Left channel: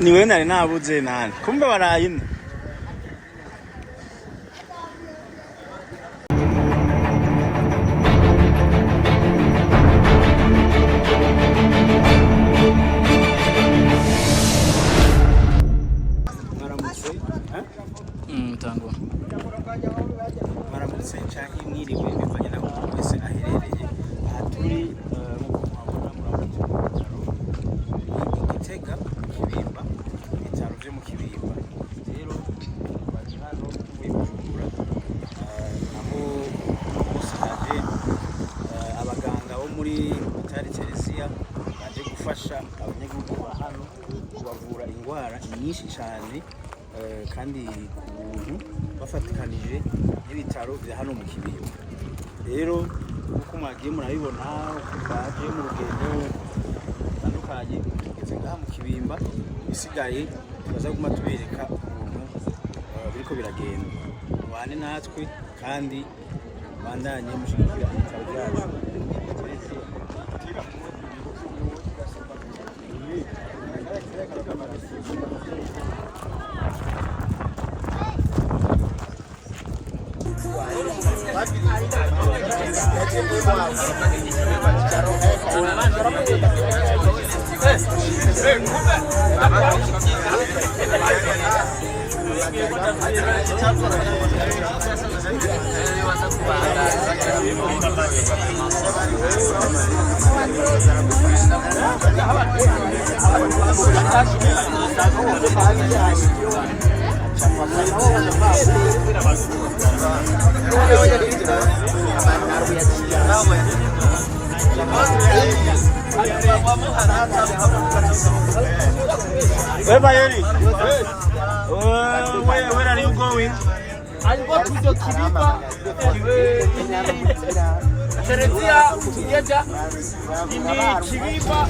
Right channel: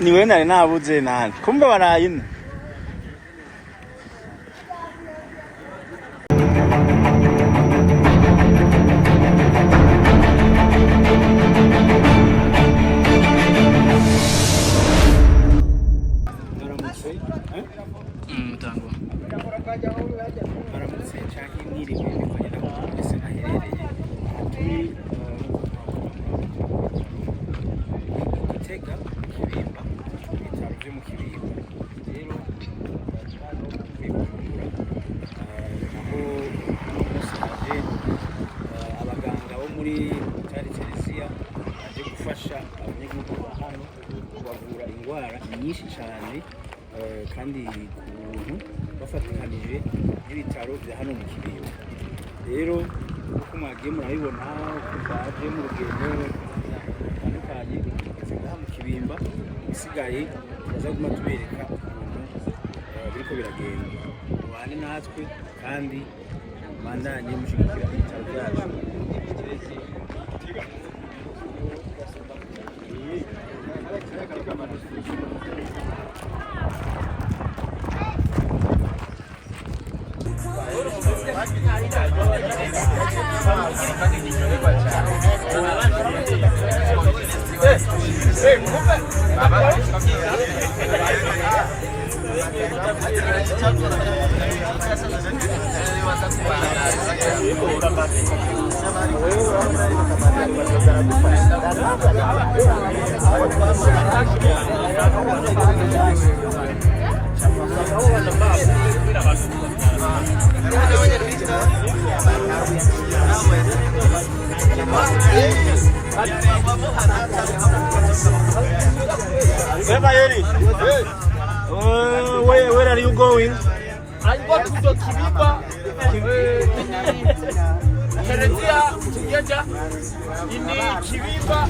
niwe nari nabuze nani kumbe barayina baramutse canke mwiriwe bivanye naho umuntu wese aherereye aha turi Gitega Kibimba ibitaro vyo mu Kibimba rero baje hano tuvuye Bujumbura aho uno munsi haje abaganga bo muri Hôpital Theresia baje gufasha abanyagihugu ba hano kubavura indwara nyinshi cane kandi ku buntu bafatikanije n'ibitaro bya hano mu Kibimba rero uko mwagiye murabibona uko twaje mu rugendo rutandukanye tugeze ngaha mu Kibimba bisigaye turaza guma tubereka ukuntu biriko biragenda mubane natwe kandi bandanye mushigikira ibitaro byacu Where are you going? I'm going to the Kibimba Theresia together in Kibimba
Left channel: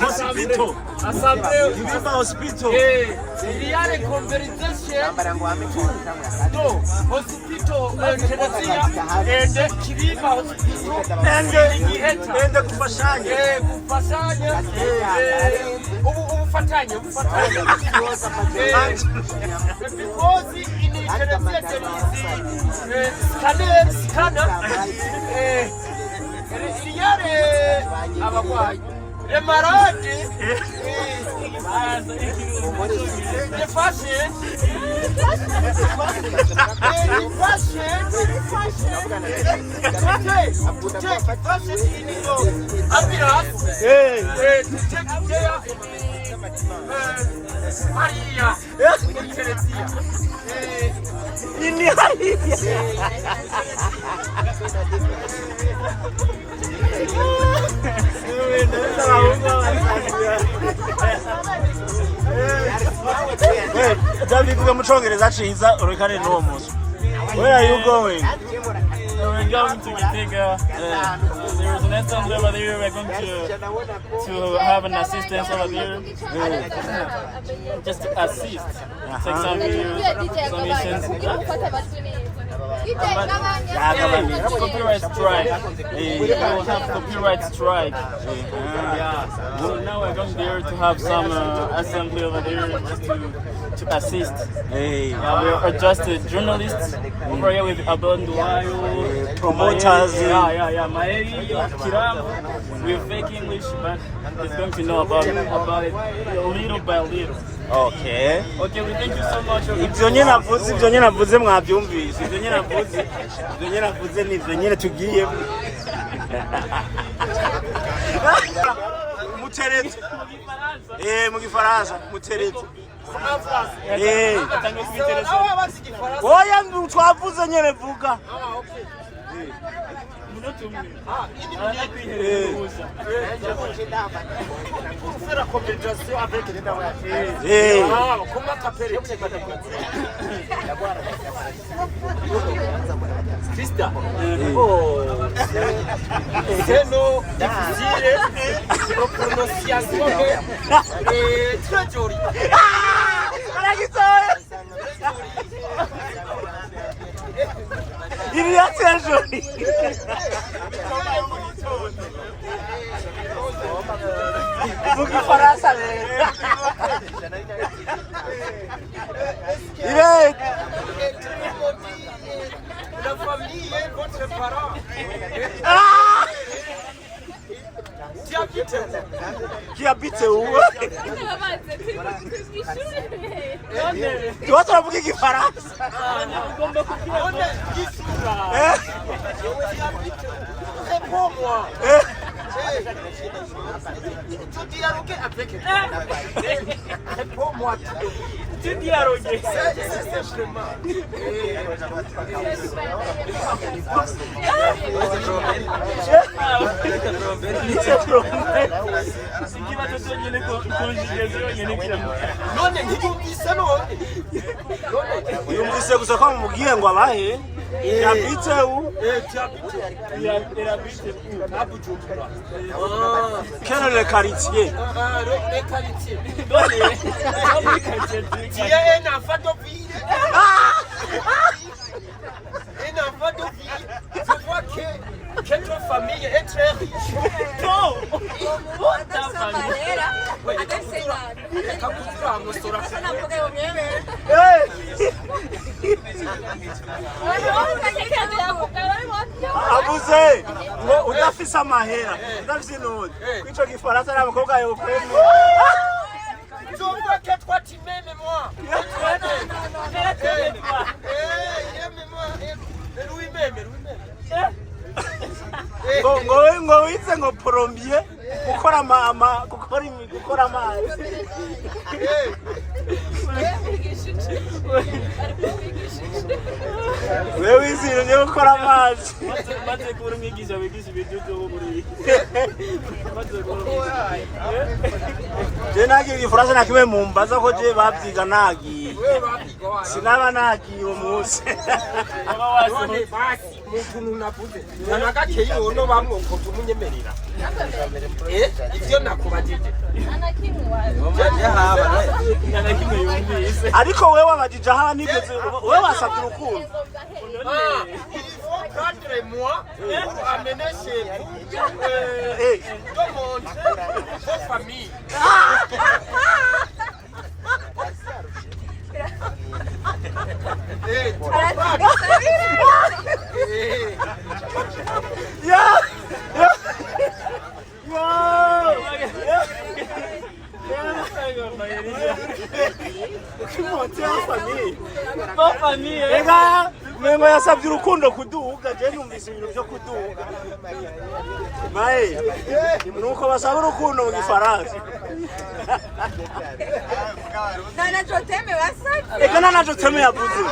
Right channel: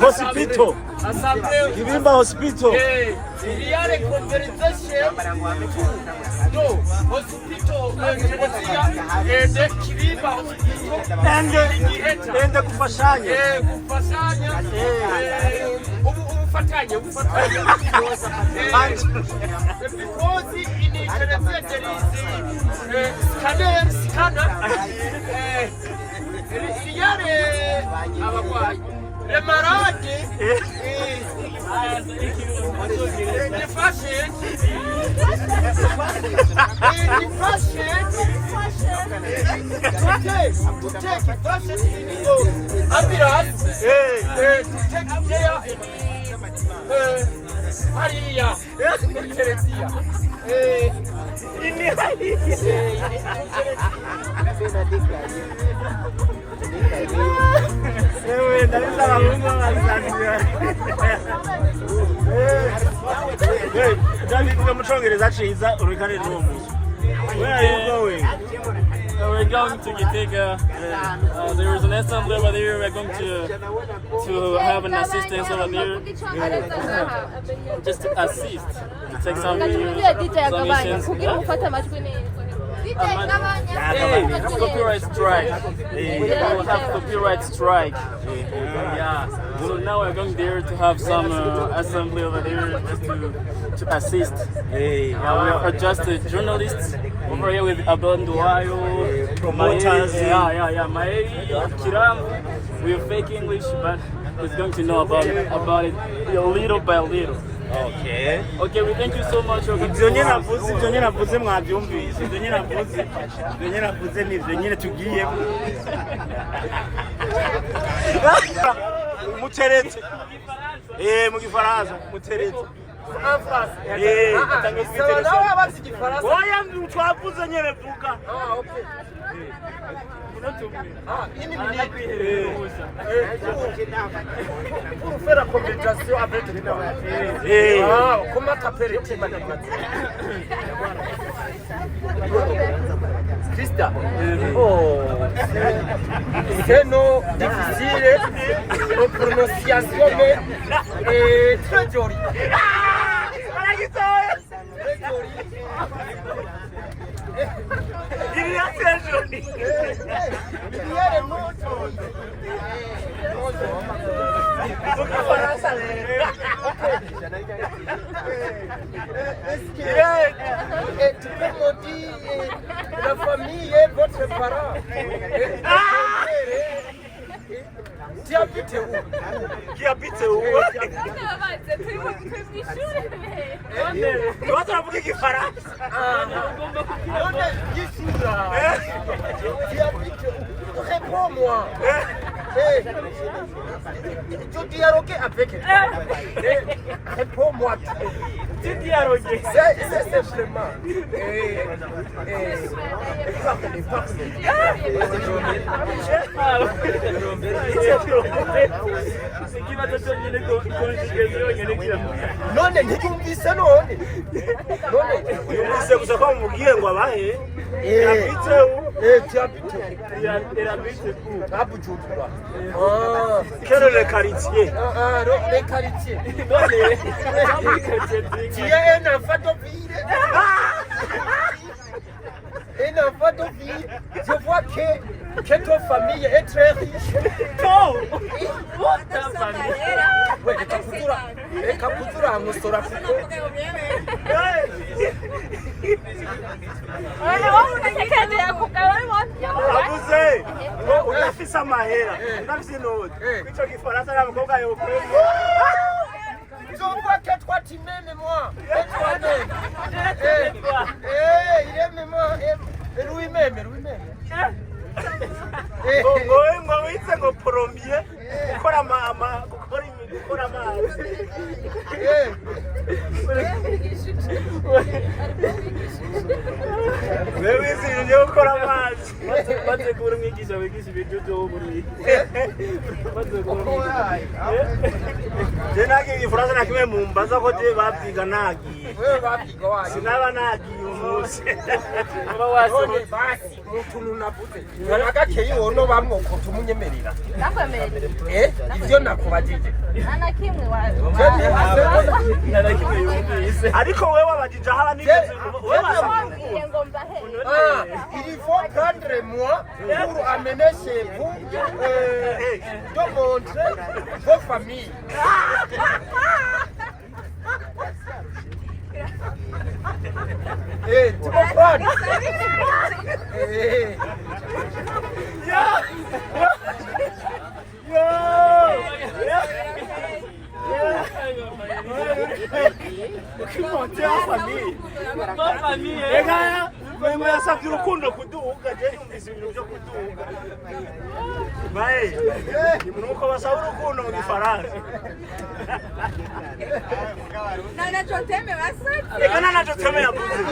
Hospital. Assembly Kibimba Hospital. We are a conversation to hospital Theresia and Kibimba Hospital and kufashanya. Kufashanya. Ubufatanye. Because in Theresia there is scanner. Iriare abarwayi remarade the fashion to take fashion in your appearance to take care Maria in Theresia David mucongereza ciza urekane n'uwo muzi. Where are you going? We're going to Gitega. There is an assembly over there. We're going to have an assistance over there. Just to assist. Take some videos, some missions. Copyright strike. We will have copyright strike. So now we're going there to have some assembly over there just to assist. We are just journalists over here with Abel Nduwayo, promoters. Maei, Kiram, with fake English, but he's going to know about it little by little. Okay, we thank you so much. Ibyo nyine navuze mwabyumvise. Ibyo nyine navuze ni ibyo nyine tugiye. Muteretse. Mu Gifaransa, muteretse. Oya twavuze nyine vuga. Pour faire la communication avec toi. Comment t'appelles Krista. C'est non difficile. La prononciation est très jolie. Il y a très joli. Vous qui fera ça. La famille est votre parent. Qui habite où? Qui habite où? Tu vas te rappeler qui fera ça. Qui habite où? Réponds-moi. Tu dialogues avec elle. Réponds-moi. Tu dialogues. C'est simplement. C'est qui va te donner les conjugaisons et les clés. Non, mais vous dites non. Yumvise gusa ko mubwiye ngo abahe yabitse u Tu habites où? Il habite où? À Bujumbura. quel est le quartier Les quartiers. Tu es un enfant de ville. Un enfant de ville. Je vois que ton famille est très riche. Ouais, les Kaputura, nous sera abuze ngo udafise amahera udafise inoti kwico gifaransa n'abakobwa yokwemo Je vois que toi tu m'aimes moi. Il aime moi. Et lui-même. ngo wize ngo porombiye gukora amazi wewe wize ibintu byo gukora amazi bategura umwigisha wigisha ibiryo byo muri je nagiye igifaransa na kimwe mu mbaza ko je babyiga nagiye Wewe babyiga wapi? sinaba nagiye umunsi aba wase None basi utuntu navuze. Nanagakeye wono bamwe ko tumunyemerera. Ivyo nakubajije. ntarakimwe yumvise ariko wewe wabajije aho nigeze wewe wasabye urukundo Il faut prendre moi pour amener chez vous de montrer vos familles. Tu comprends? ukimote ya famille ma famille ega mwe yasabye urukundo kuduga je numvise ibintu byo kuduga maye nuko basaba urukundo mu gifaransa ega nanacho teme yavuze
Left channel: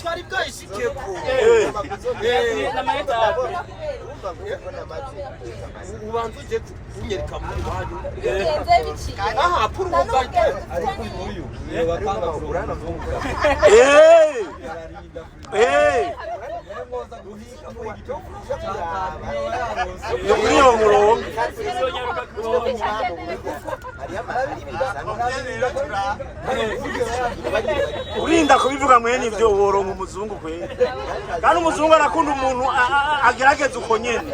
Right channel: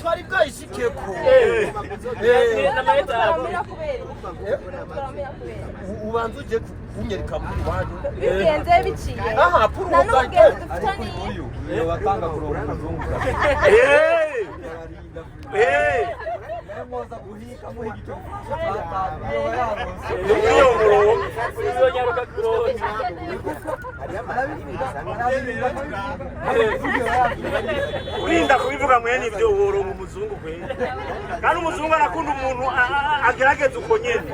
Twari bwayishikiye ko. na maeta Ubanza uje kunyereka muri banyu. Aha, pour uwo gake. Iyo murongo iyo nyaruka kuronka urinda kubivuga mwene ivyo woronka umuzungu kwene kandi umuzungu arakunda umuntu agerageza uko nyene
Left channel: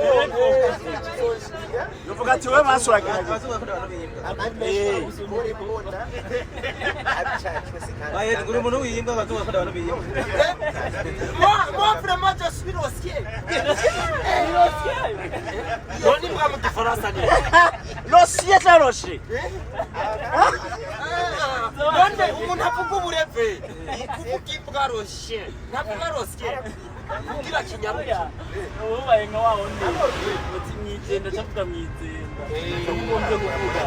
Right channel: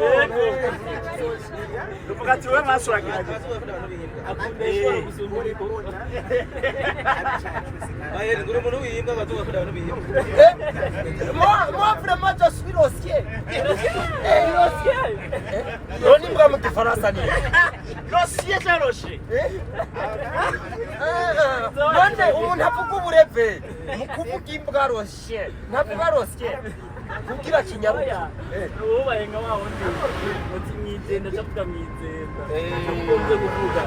uvuga ati we maso uragerageza uri umuntu wiyimba agatunga kandi abantu biyimba Moi vraiment je suis l'osier. Noni bwa mu gifaransa ni. l'osier taroshe Nande umuntu avuga ubureve mu kuvuga imbwa roshe. Ntavuga rosye. Kugira kinyaruka. ubaye nka wa wundi uti mwizenda cyangwa mwizenda ugombye kuvuga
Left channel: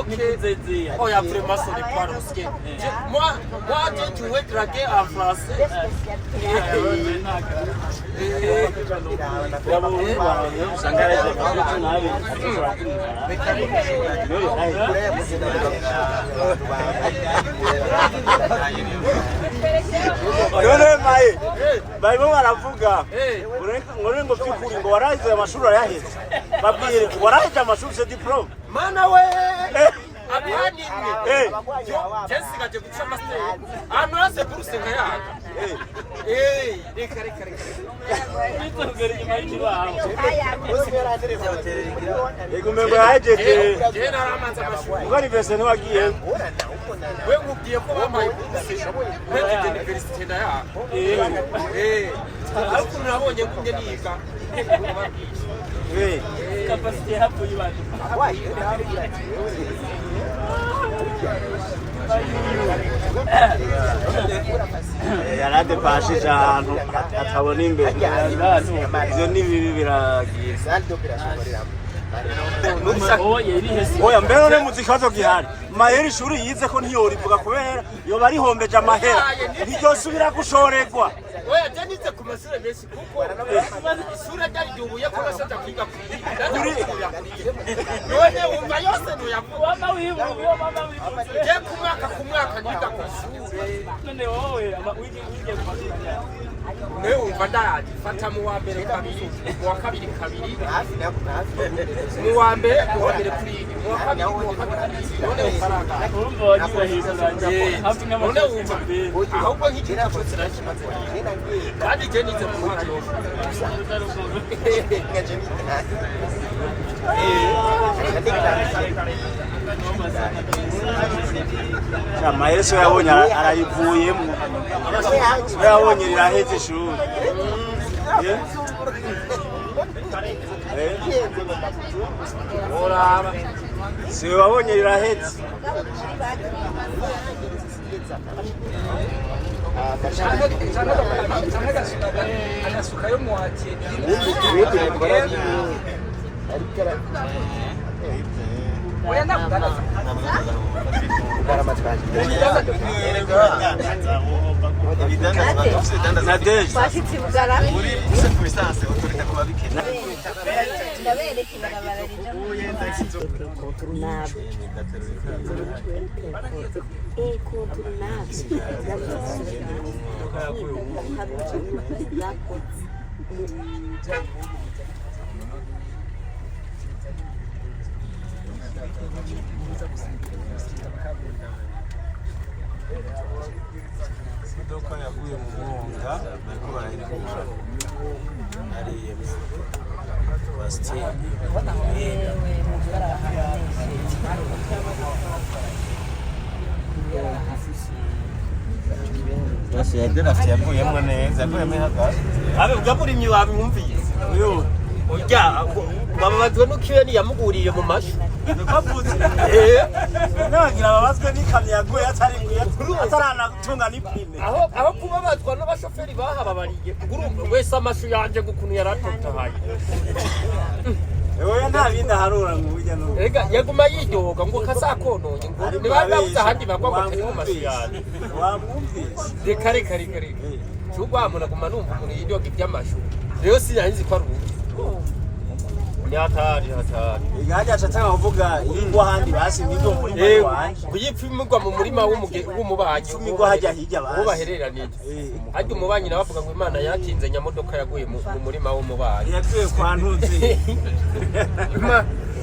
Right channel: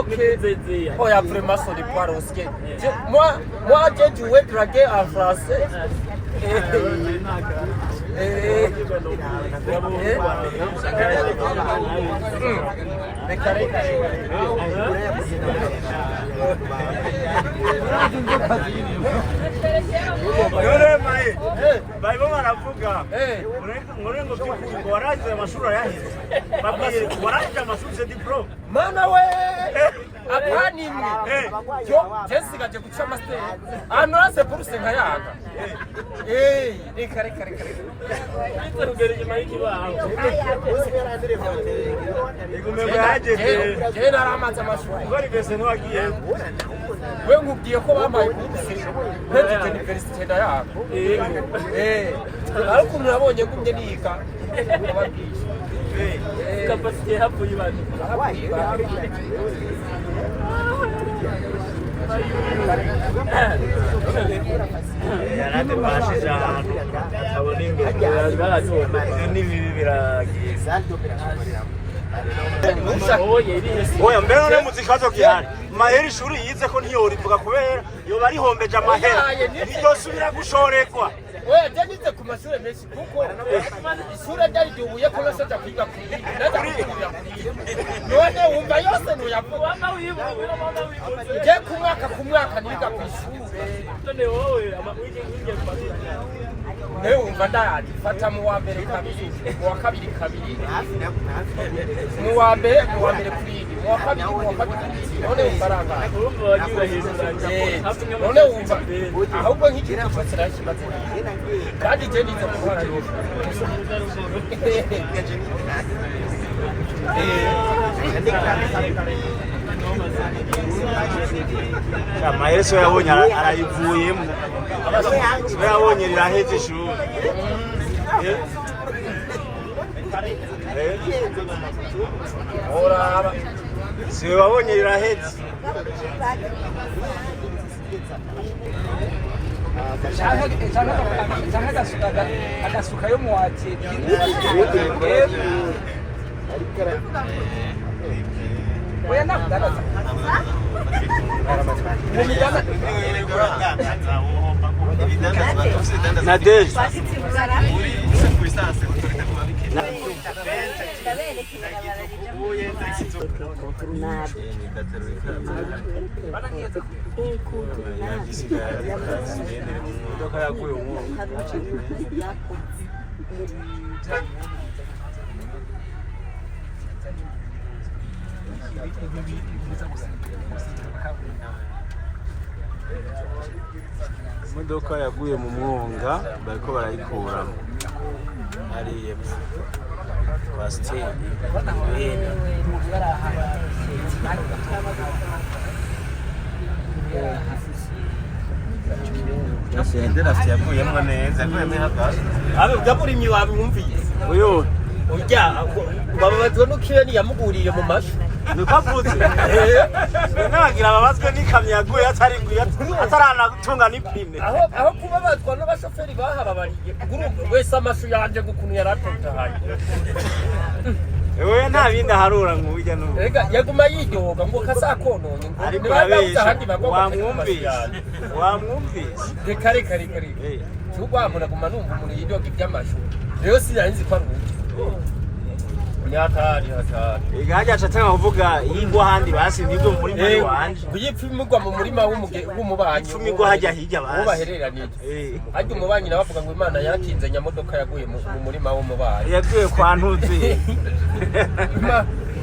Okay. Zezia. Oh, ya vraiment ça n'est pas rosye. Moi j'ai joué draguer en français. none maye barimo baravuga ngo byukuri ngo waraze amashuri arayaheze babwiye waraje amashuri se diplome Mana we apana imwe yo jesigaje guca master ahantu hose buruse nkayanga reka Igumembe yaje je naramanza amashuri ngari bese nwagiye we nkubwiye ko bamaye buruse ntete university ndayanga ariko nabonye ngumye niga capacité hapo y'ibatu yarade bashije ahantu atabona imbere ivyo ni bibi biragiza oya mbere none muzikazo gihari mahera ishuri yize ko ntiyorivuga kubera yoba arihombeje amahera ntiryosubira gushorerwa oya janize ku mashure menshi kuko ishure ryari ryubuye ko nasoja kwiga kuri none wumva yose nuyavuga je ku mwaka niga ku ishure none wowe wige ne wumva ndari fata mu wa mbere kabiri mu wa kabiri kabiri mu wa mbere kuri mu wa kabiri none faranga urumva wagiye hejuru none wumva ahubwo nk'ikintu cyose nakimaze kandi je nize mu wa amahera so yabonye arayivuyemo so yabonye riraheze ishuri oraba si wabonye riraheze agasuka yo mu wake oya nakudadaza Nadeje imodoka yaguye mu mwonga bariko barayikura hariya kwa stendi yakuyemo neza abe ugaburimye wabimwumviye uyu urya babazwe n'ukibeni yamuguriye mu mashu nikavuze nagira babazwe n'ikamyo yaguye ataranatunga n'ipine aho kubabazwa n'abashoferi bahababariye urumva wese amashu yanje gukuntu yaratotahaye wewe nta bindi aharura ngo urya n'ubu ega yaguma yidoga ngo kasakononye ngo niba babuze ahandi bagwa wamwumvise reka cyugwamura guma numva umuntu yidoga iby'amashu rero sinanzi ko ari ni hatari igaje acatanga kuvuga yingwa handi basi nibwo muri wanje kuyipfimigwa mu murima w'umubanyi migwa hajya hirya basi ubahereranije hajya umubanyi nabavuga ngo Imana yakinze nyamodoka yaguye mu murima w'umubanyi yaguye kwa ntuze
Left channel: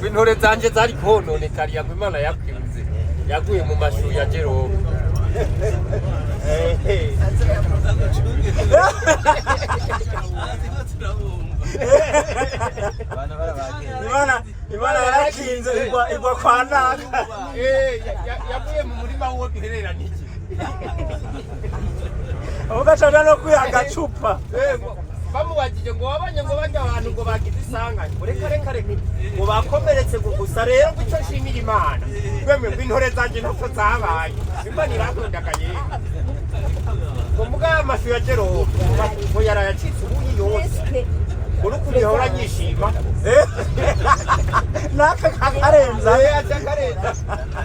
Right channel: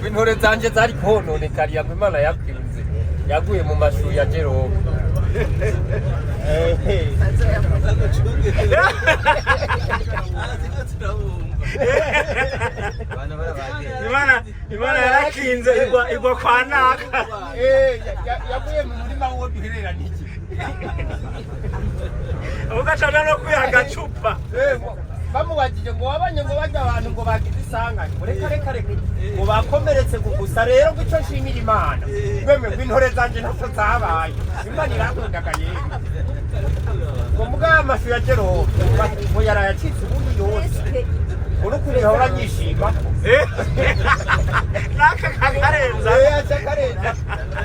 intore zanje zari kononekariye ngo Imana yakinze yaguye mu mashu ya Jerome Imana yarakinze igwa kwa naka yaguye mu murima wo duhereranije ugashaka no kwihaga cupa bamubagije ngo wabanye ngo bajya abantu ngo bagize isanganya reka ngo bakomeretse gusa rero ngo icyo nshimira Imana twemwe ngo intore zanjye ntako zabaye Imana irakundaga yewe ngo mugabo amashu ya Jerome ngo yarayacitse ubundi yose urukuri yahora nyishima naka kakarenza akarenza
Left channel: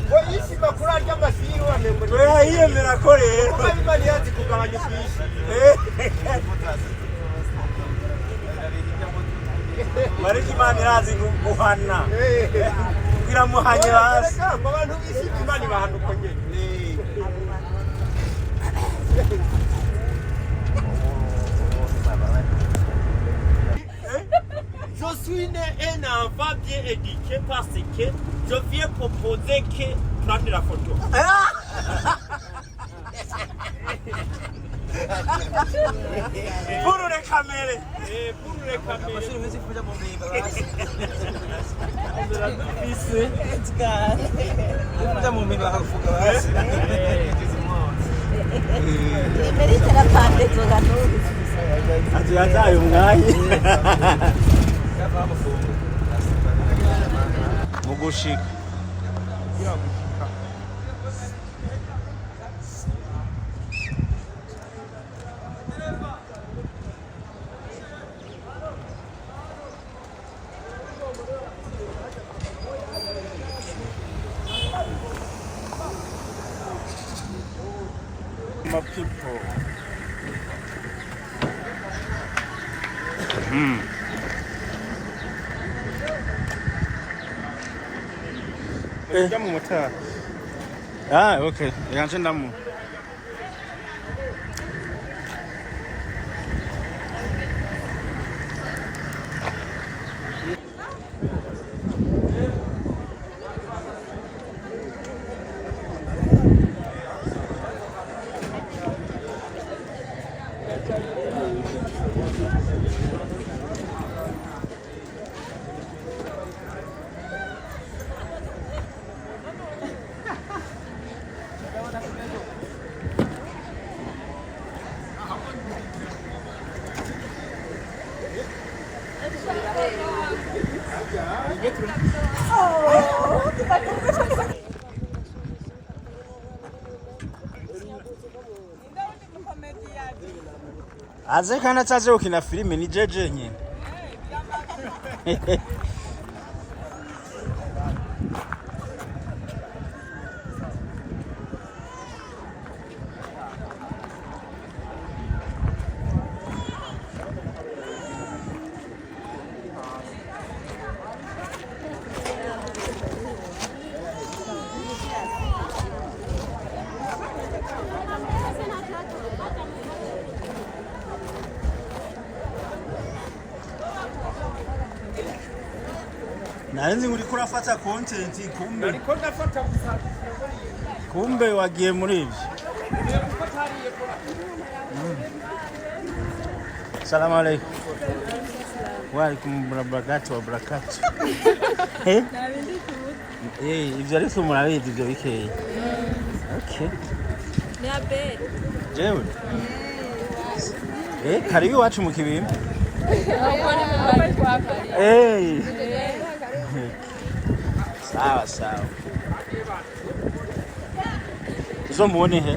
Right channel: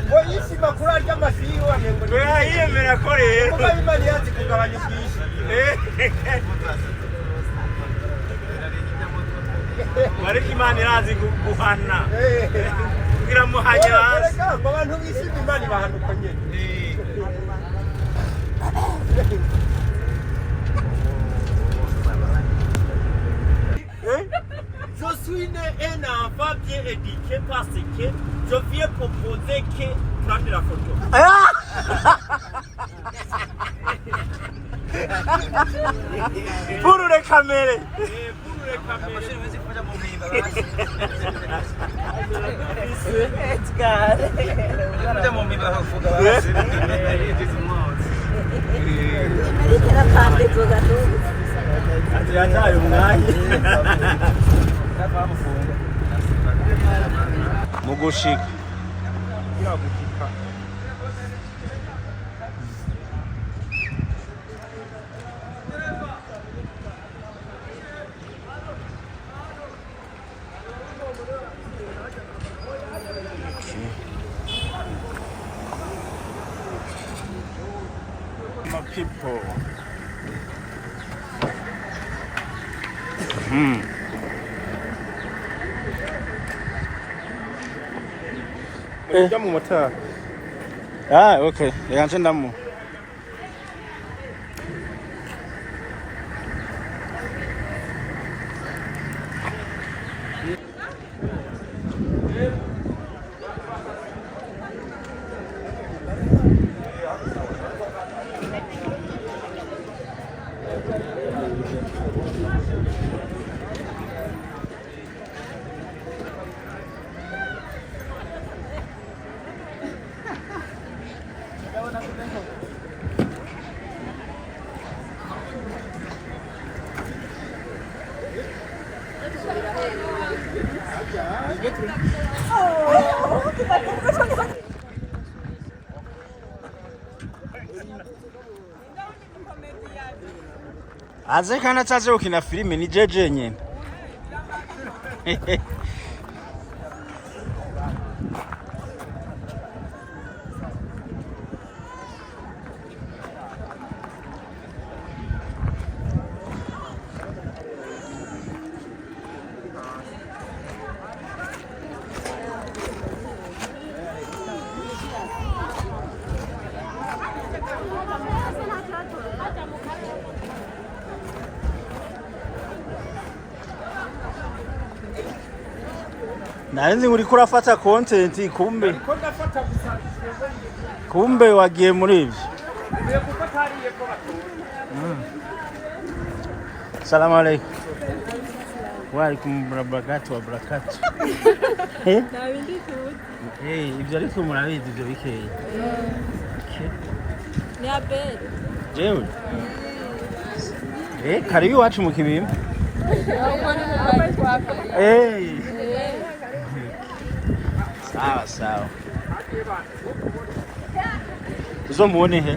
ngo yishima kuri arya amashu yiwe ngo yiyemera ko rero kuko Imana yazi kugabanya ubwishyu ariko Imana irazi guhana kugira muhanye hasi abantu bishima Imana ibahanuka nyene Je suis né un enfant bien éduqué parce que je viens proposer que turandira foto. Purure kamere. Purure kamere. Mugushika. People. Jamu motor. Ah, okay. Reka ndamo. Aze kana taze ukina filime ni jeje nyene. Nani uriko urafata content kumbe wagiye muri ivyo. Salamu alaykum. Wa alaykum barakatuh. Ivyo ariko murabizi ivyo bikeye. Okay. Ni abere. Jewe. Karibu iwacu mu Kibimba. Sawa sawa. Uzomuone he.